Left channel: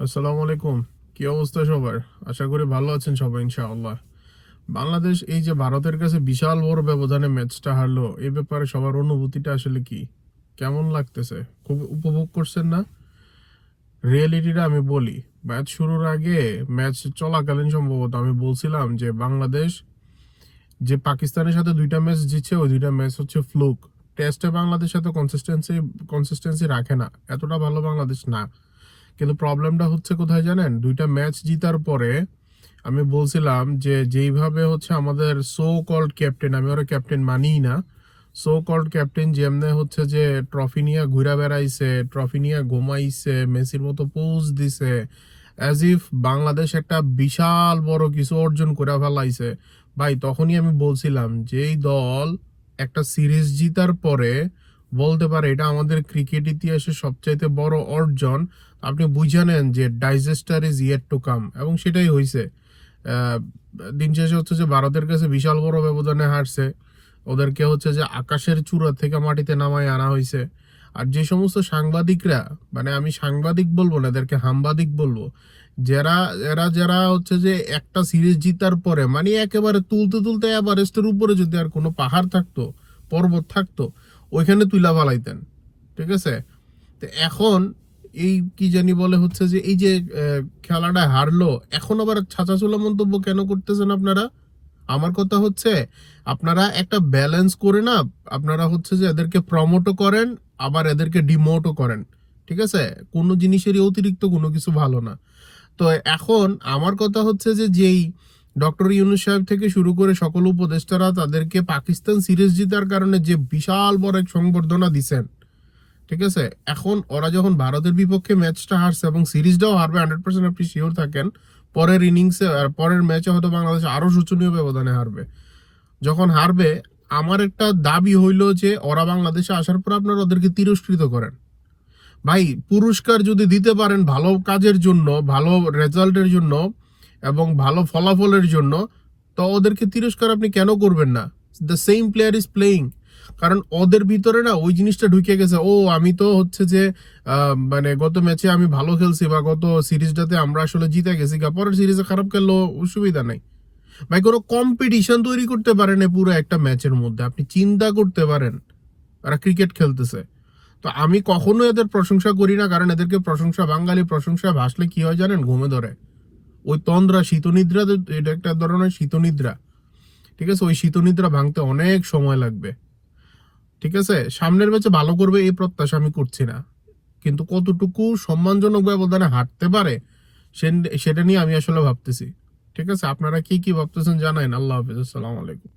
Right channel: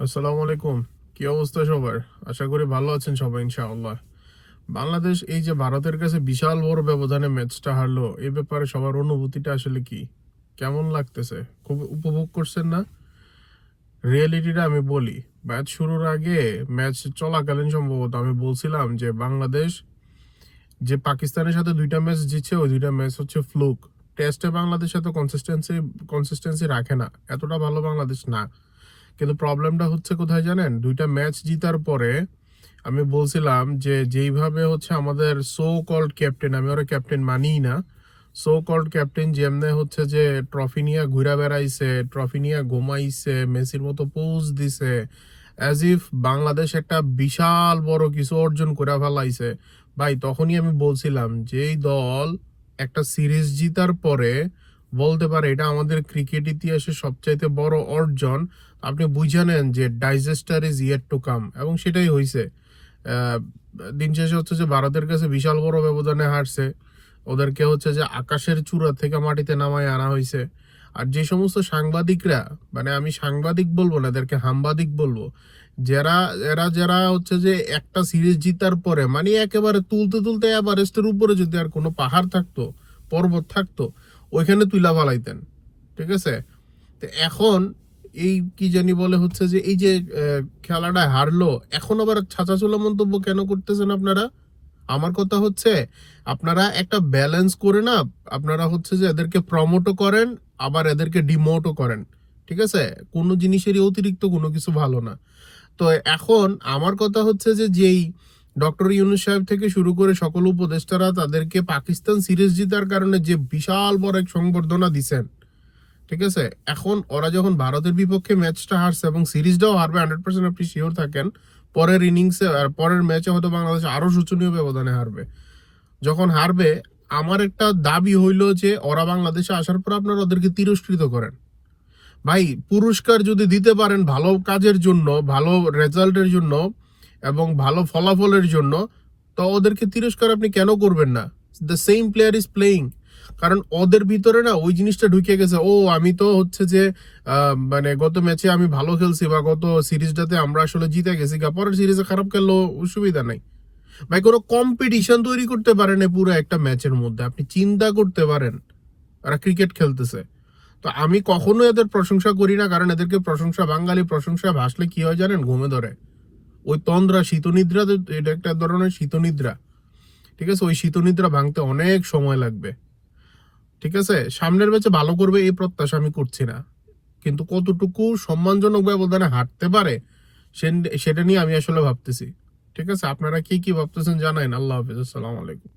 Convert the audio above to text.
আসসালামু আলাইকুম। কি অবস্থা সবার? আশা করি ভালো আছেন সবাই ইনশাআল্লাহ। বাংলাদেশ এই যে ভারতের কাছে বিশাল বড় ব্যবধানে ম্যাচটা হারলো, এই ব্যাপারে সবার অনুভূতিটা আসলে কি? কেমন লাগতেছে? খুব উপভোগ করছেন না? রিয়েলিটিটা আমি বলি। ম্যাচ শুরুর আগে, ম্যাচ চলাকালীন সম্ভবত আমি বলছিলাম যে বাংলাদেশ যে পাকিস্তানের সাথে ২টা ম্যাচ জিতছে, ওই ২টা ম্যাচ হচ্ছে ফ্লুক। টেস্টে বাংলাদেশ সাথে কনসিস্টেন্সি রাখে না। এতটা ভালো বাংলাদেশ না। কিন্তু প্রবলেমটা হচ্ছে কোথায় জানেন? ২টা ম্যাচ জিতার পরে আমি বলছিলাম যে যেইভাবে হচ্ছে আমাদের সো কল্ড ক্যাপ্টেন, আমি ওরা ক্যাপ্টেন মানিই না, সো কল্ড ক্যাপ্টেন যেমনে হচ্ছে যে ট্রফি নিয়ে ঘুরা বেড়াইছে, ট্রফি নিয়ে ঘুমাইছে, মেসির মতো পোজ দিছে, অ্যাজ ইফ বাংলাদেশ একটা বিশাল বড় কিছু অর্জন করে ফেলাইছে। ভাই তখনই আমি বলছিলাম যেই দল একটা সিরিজ জিতার পরে বলতে পারে এটা আমাদের ক্রিকেট ইতিহাসে সবচাইতে বড় অর্জন, আপনি বুঝে নেন যে digester is yet to come, এবং সেটাই হয়েছে। আহ, দিন শেষে হচ্ছে যে ভারতের কাছে বিশাল বড় ব্যবধানে হারছে, ওদেরকে হচ্ছে যে আকাশের চূড়া থেকে মাটিতে নামায় আনা হয়েছে। আর যে সমস্ত সাংবাদিকরা, মানে আমি সাংবাদিক বলবো না, এদেরকে হামবাদিক বলবো, যারা যারা হচ্ছে যে একটা সিরিজ জিতার পরে মানে একেবারে তুলতে তুলতে এভারেস্টের উপরে যদি আর কোনো পাহাড় থাকতো, পর্বত থাকতো, ওইখানে তুইলা ফালাইতেন। ঠিক আছে? তো এখন এই কি জানি বলে হচ্ছে যে এই যে খেলাটা হারলো, এখন আবার ছাঁচাছোলা মন্তব্য কেন করতেছেন আপনারা? আমার কথা হচ্ছে আপনারা একটা ব্যালেন্স করে না, আপনারা হচ্ছে যে এদেরকে প্রমোটও করেন, আবার এদেরকে ডিমোটও করেন। ঠিক আছে? কোনো জিনিসেরই অতিরিক্ত কোনো কিছু ভালো না। তো এখন আমার কথা হচ্ছে যে যেই ডক্টর ইউনূস সাহেব থেকে শুরু করে সকল উপদেষ্টারা তাদেরকে পাকিস্তান সিরিজ জিতার কারণে যে বিশাল বড় এক সংবর্ধনা দিছেন, ঠিক আছে, এখন ওরা যখন ভারতের বিপক্ষে ম্যাচটা হারছে এবং সিরিজটাও হারবে 100% আপনি শিওর থাকেন, পরের ইনিংসে আর পরের ম্যাচে হয়তো বাংলাদেশ আরো শোচনীয় ব্যবধানে হারবে। যখন হারবে, আমার একটা দাবি হইলো যে ওরা বাংলাদেশে আসার পর আপনারা ওদেরকে তিরস্কৃত করেন। ভাই পুরস্কার যদি দিতে পারেন ভালো কাজের জন্য, ভালো রেজাল্টের জন্য এবং ভালো ফলাফলের জন্য, তো ওদেরকে তিরস্কার আপনি কেন করবেন না? The same player is playing. কারণ ওদের ভিতরে না ওই জিনিসটা ঢুকে গেছে, ও আমি তো হচ্ছে যে মানে গত ম্যাচে আমি ভালো খেলছি বা গত সিরিজটাতে আমরা আসলে জিতে গেছি, পরের সিরিজে খারাপ খেললেও অসুবিধা নাই। ভাই কোনো কম্পিটিশন তৈরি করতে পারেন পুরো একটা ম্যাচের মধ্যে, আপনি চিন্তা করতে পারেন ওরা ক্রিকেট খেলতেছে। তো আমি কখনো এদের প্রশংসা করি না, কারণ এদেরকে প্রশংসা, বাঙালি প্রশংসা ভাসলে কি হয় জানেন? ঘুমে ধরে। ওই তন্দ্রা, শীতনিদ্রা, এটা একটা ধরনের শীতনিদ্রা। ঠিক আছে? ওই শীতনিদ্রা ভাঙতে অনেক সময় লাগবে। ঠিক আছে? সামনের ম্যাচে ভালো করবে এই প্রত্যাশা আমি করছি না, কিন্তু কতটুকু সম্মানজনক ব্যবধানে হাঁটতে পারে সেটা নিয়ে আমি আসলে ভাবতেছি। ঠিক আছে? আপনারা কি কি ভাবতেছেন জানাইন। আল্লাহ হাফিজ, আসসালামু আলাইকুম।